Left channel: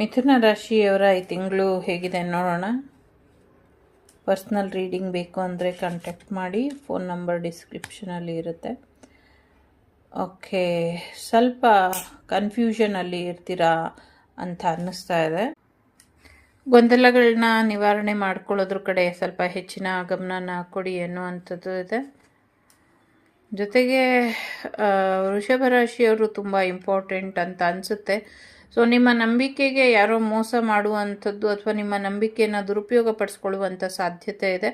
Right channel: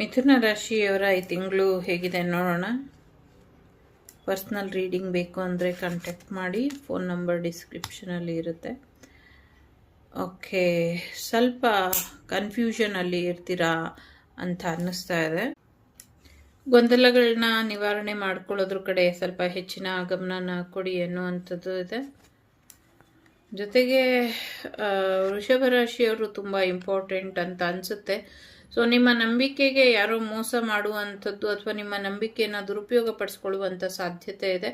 ಮಿಥುನ ರಾಶಿಯವರ ಈ ತಿಂಗಳು ಹೇಗಿದೆ ನೋಡೋಣ. ಪರ್ಸ್ನಲ್ ರೀಡಿಂಗ್ ಬೇಕು ಅಂದರೆ ಕಾಂಟ್ಯಾಕ್ಟ್ ಮಾಡಿ. ಫೋನ್ ನಂಬರ್ ಡಿಸ್ಕ್ರಿಪ್ಷನಲ್ಲಿ ಇರುತ್ತೆ. ಓಕೆ, ಸ್ವಲ್ಪ ಕನ್ಫ್ಯೂಷನಲ್ಲಿ ಇರ್ತೀರಾ ಅಂತ ಅನ್ನಿಸ್ತಾ ಇದೆ. ಗೊಂದಲಗಳನ್ನ ನಿವಾರಣೆ ಮಾಡ್ಕೊಳ್ಳೋದ್ರ ಕಡೆ ಸ್ವಲ್ಪ ಹೆಚ್ಚಿನ ಗಮನನ ಕೊಡಿ ಅನ್ನುವಂಥದ್ದು ಇದೆ. ಜೊತೆಗೆ ವೃಷಭ ರಾಶಿಯವರು ತುಂಬ ಇಂಪಾರ್ಟೆಂಟ್ ಅಂತ ಅನಿಸುತ್ತೆ. ಸೊ ನಿಮ್ಮ ನಂಬಿಕೆಗೆ ಯಾರೋ ಮೋಸ ಮಾಡುವಂಥದ್ದು ಅಥವಾ ನಿಮ್ಮ ನಂಬಿಕೆಯನ್ನು ದುರುಪಯೋಗ ಪಡಿಸ್ಕೊಳ್ಳುವಂಥ ಸಾಧ್ಯತೆ ಇದೆ.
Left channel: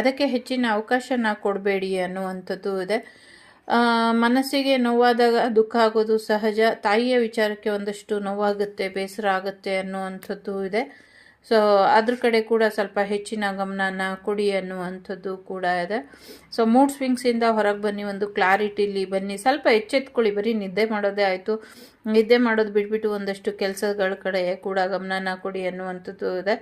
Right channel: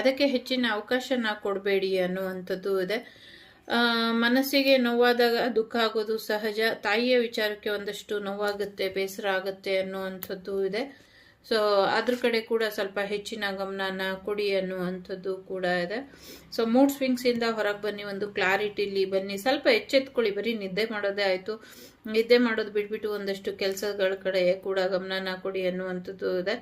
ಅದಕ್ಕೆ ಹೆಚ್ಚಿನ ಅವಕಾಶನ ಕೊಡಬೇಡಿ ಅನ್ನುವಂಥದ್ದು ಇದೆ. ಮನಸ್ಸಿಗೆ ನೋವಾದಾಗ ದುಃಖ ಆಗೋದು ಸಹಜ. ತಾಯಿಯ ವಿಚಾರಕ್ಕೆ ಒಂದಷ್ಟು ನೋವಾಗುತ್ತೆ, ಬೇಸರ ಆಗುತ್ತೆ ಅನ್ನುವಂಥದ್ದು ಇದೆ. ಸೊ ಅದ್ರ ಕಡೆ ಕೂಡ ಸ್ವಲ್ಪ ಹೆಚ್ಚಿನ ಗಮನನ ಕೊಡಿ ಅನ್ನುವಂಥದ್ದು ಕೂಡ ಇದೆ. ಸೊ ಮೂಡ್ ಸ್ವಿಂಗ್ಸಿಂದ ಹೊರಗೆ ಬನ್ನಿ, ಒಂದು ಕ್ಲಾರಿಟಿಲಿ ಬನ್ನಿ. ಸ್ವಲ್ಪ ಎಚ್ಚೆತ್ಕೊಳ್ಳಿ. ಬರೀ ನಿದ್ದೆ ಮಾಡೋದೇ ಆಯಿತು, ನಿದ್ದೆ ಮಾಡೋದು ಬಿಟ್ಬಿಟ್ಟು ಒಂದಷ್ಟು ಕೆಲಸಗಳ ಕಡೆ ಕೂಡ ಗಮನನ ಕೊಡಿ ಅನ್ನುವಂಥದ್ದು ಇದೆ.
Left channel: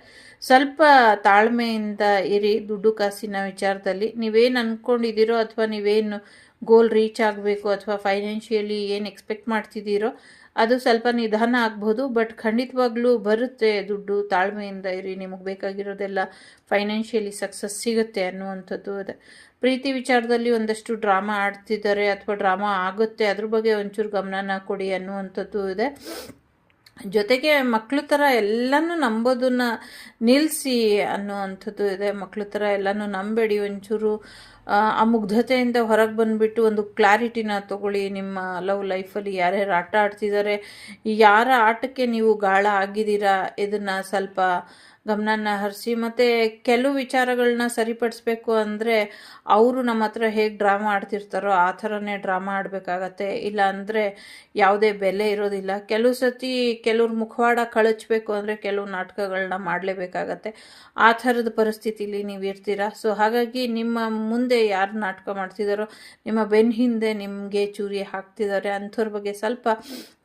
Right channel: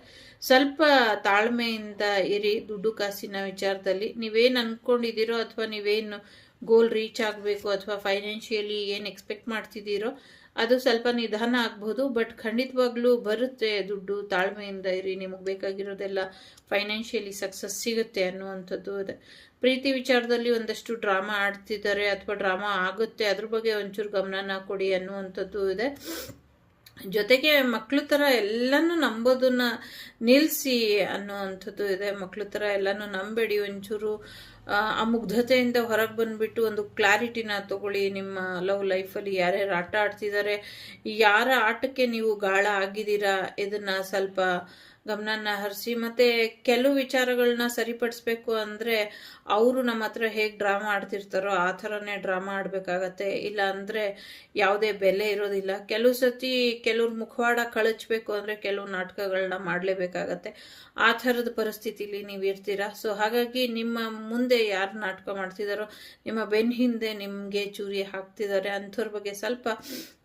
ಸ್ವಲ್ಪ ತಾಳ್ಮೆಯಿಂದ ಇರಿ. ದುಡ್ಡು ಕಾಸಿನ ವಿಚಾರದಲ್ಲಿ ನೀವೇನು ಅಂದ್ಕೊಂಡಿದ್ದೀರೋ ಅಥವಾ ನೀವೇನು ಗೋಲ್ ರೀಚ್ ಆಗಬೇಕು ಅಥವಾ ಫೈನಾನ್ಷಿಯಲಿ ಏನು ಎಕ್ಸ್ಪೆಕ್ಟ್ ಮಾಡ್ತಿದ್ದೀರೋ ಅದು ಸ್ವಲ್ಪ ನಿಧಾನ ಆಗ್ಬೋದು, ಬಟ್ ಖಂಡಿತವಾಗ್ಲೂ ಬರುತ್ತೆ ದುಡ್ಡು. ತಾಳ್ಮೆಯಿಂದ ಇರಿ, ನಿಮಗೆ ಬೇಕಾಗಿರೋದೆಲ್ಲ ಫೈನಾನ್ಷಿಯಲಿ ಸಕ್ಸಸ್ ಸಿಗುತ್ತೆ ಅನ್ನುವಂಥದ್ದು ಇದೆ. ಪ್ರೀತಿ ವಿಚಾರದಲ್ಲಿ ಒಂದಷ್ಟು ಡ್ರಾಮಾ ಆಡ್ತಿದ್ದಾರೆ ಅಥವಾ ಡ್ರಾಮಾ ಆಗುತ್ತೆ, ಅದ್ರ ಬಗ್ಗೆ ಒಂಚೂರು ಗಮನನ ಕೊಡಿ ಅನ್ನುವಂಥದ್ದು ಇದೆ. ಜೊತೆಗೆ ಮಕ್ಕಳ ಥರ ಎಲ್ಲನೂ ನಂಬೋದನ್ನ ನಿಲ್ಲಿಸಿ ಅನ್ನುವಂಥದ್ದು ಇದೆ. ಮಕ್ಕಳ ಥರ ಎಲ್ಲನೂ ನಂಬೇಡಿ. ಒಂಚೂರು ಆ ಮುಗ್ಧತೆಯಿಂದ ಹೊರಗೆ ಬಂದುಬಿಟ್ಟು ಒಂದು ಕ್ಲಾರಿಟಿನ ತಗೊಳ್ಳಿ. ನಿಮ್ಮ ಲವ್ ಲೈಫಲ್ಲಿ ಯಾರ್ಯಾರು ಆಟ ಆಡ್ತಿದ್ದಾರೆ, ಯಾರ ಆಟಕ್ಕೆ ನೀವು ಗಾಳ ಆಗಿದ್ದೀರಾ, ಇದನ್ನು ಸ್ವಲ್ಪ ಗಮನನ ಹರಿಸಿ. ಮತ್ತು ಕೆಲವು ವಿಚಾರಗಳನ್ನ ಸರಿಪಡಿಸ್ಬೇಕು ಅಂದರೆ ಅವರು ನಮ್ಮ ಹತ್ರ ಹೇಗೆ ಡ್ರಾಮಾ ಆಡ್ತಿರ್ತಾರೋ ಆ ಥರನೇ ಡ್ರಾಮಾ ಆಡಬೇಕಾಗತ್ತೆ. ಇಲ್ಲ ಅಂದರೆ ಯಾವುದೇ ಬೆಲೆ ಇರೋದಿಲ್ಲ. ಕೆಲವು ಸತಿ ಕೆಲವ್ರ ಮುಖವಾಡ ಕಳಚಬೇಕು ಅಂದರೆ ಕೆಲವು ನಾಟಕಗಳನ್ನ ಮಾಡಲೇಬೇಕಾಗತ್ತೆ. ಆ ಥರದ ಪರಿಸ್ಥಿತಿಲಿ ನೀವು ಇರ್ತೀರ. ಸೊ ಹಾಗಾಗಿ ನಿಮ್ಮ ಮುಂದೆ ಯಾರು ನಾಟಕ ಮಾಡ್ತಿದ್ದಾರೋ, ನಿಮ್ಮ ಬೆನ್ನ ಹಿಂದೆ ನಿಮಗೆ ಚೂರಿ ಹಾಕ್ತಿದ್ದಾರೆ ಅಂಥವ್ರ ಬಗ್ಗೆ ಸ್ವಲ್ಪ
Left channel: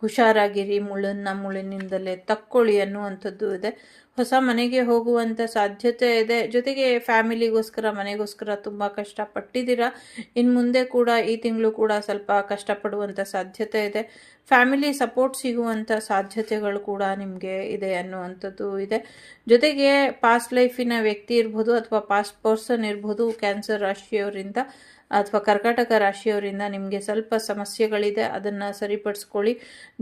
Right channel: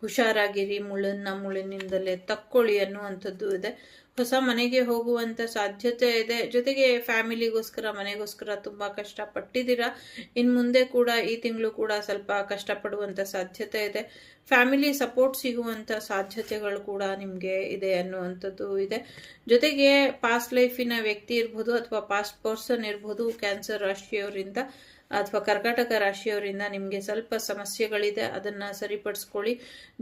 ಹುಷಾರಾಗಿರಿ. ಮುಳ್ಳಿನಿಂದಲೇ ತಕ್ಕೊಳ್ಳಿ ಅನ್ನುವಂಥದ್ದು ಇದೆ. ಹೊಸ ಮನೆಗೆ ಹೋಗುವಂಥ ಸಾಧ್ಯತೆ ಇದೆ. ಜೊತೆಗೆ ಫ್ಯಾಮಿಲಿಗೋಸ್ಕರ, ಮನೆಗೋಸ್ಕರ ತುಂಬ ಕಷ್ಟಪಟ್ಟಿದ್ದೀರಾ. ಇನ್ನು ಮುಂದೆ ಕೂಡ ಈ ತಿಂಗಳು ಕೂಡ ಸ್ವಲ್ಪ ಕಷ್ಟಪಡುವಂಥ ಸಾಧ್ಯತೆ ಇದೆ. ಫ್ಯಾಮಿಲಿ ಸಪೋರ್ಟ್ ಸಿಗುವಂಥ ಸಾಧ್ಯತೆಗಳು ಕೂಡ ನಿಮಗೆ ಇದೆ ಅನ್ನುವಂಥದ್ದು ಇದೆ. ಜೊತೆಗೆ ಪಾಸ್ಟ್ ಲೈಫಿನ ವ್ಯಕ್ತಿ ಇರ್ಬೋದು ಅಥವಾ ಪಾಸ್ಟ್ ಪರ್ಸನ್ ಇರ್ಬೋದು, ಕ್ಯಾನ್ಸರ್ ರಾಶಿಯವರಿಂದ ಅಥವಾ ಕರ್ಕಾಟಕ ರಾಶಿಯವರಿಂದ ನಿಮಗೆ ಸ್ವಲ್ಪ ಸಮಸ್ಯೆಗಳಿದೆ, ಅದನ್ನು ಸರಿಪಡಿಸ್ಕೊಳ್ಳಿ.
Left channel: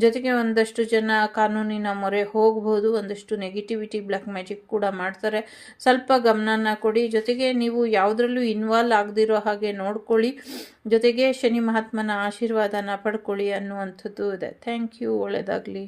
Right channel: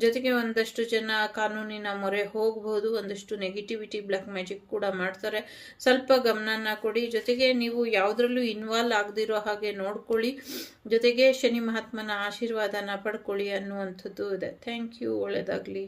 ಜೊತೆಗೆ ಒಂದಷ್ಟು ಜನ ಕಾನೂನಿನ ಮೊರೆ ಹೋಗ್ಬೋದು. ಒಂದಷ್ಟು ನೆಗೆಟಿವಿಟಿ, ಬ್ಲ್ಯಾಕ್ ಮ್ಯಾಜಿಕ್ ಕೂಡ ಮಾಡ್ತಾರೆ. ಸ್ವಲ್ಪ ಗಮನನ ಕೊಡಿ. ಜೊತೆಗೆ ನೀವು ಯಾವುದರಲ್ಲೂ ಇನ್ವಾಲ್ವ್ ಆಗದಿರೋ ಹಾಗೆ ನೋಡ್ಕೊಳ್ಳಿ. ಜೊತೆಗೆ ಶನಿ ಮಹಾತ್ಮನ ಆಶೀರ್ವಾದನ ಪಡ್ಕೊಳ್ಳಿ ಅನ್ನುವಂಥದ್ದು ಇದೆ. Thank you. ಒಳ್ಳೆಯದಾಗಲಿ.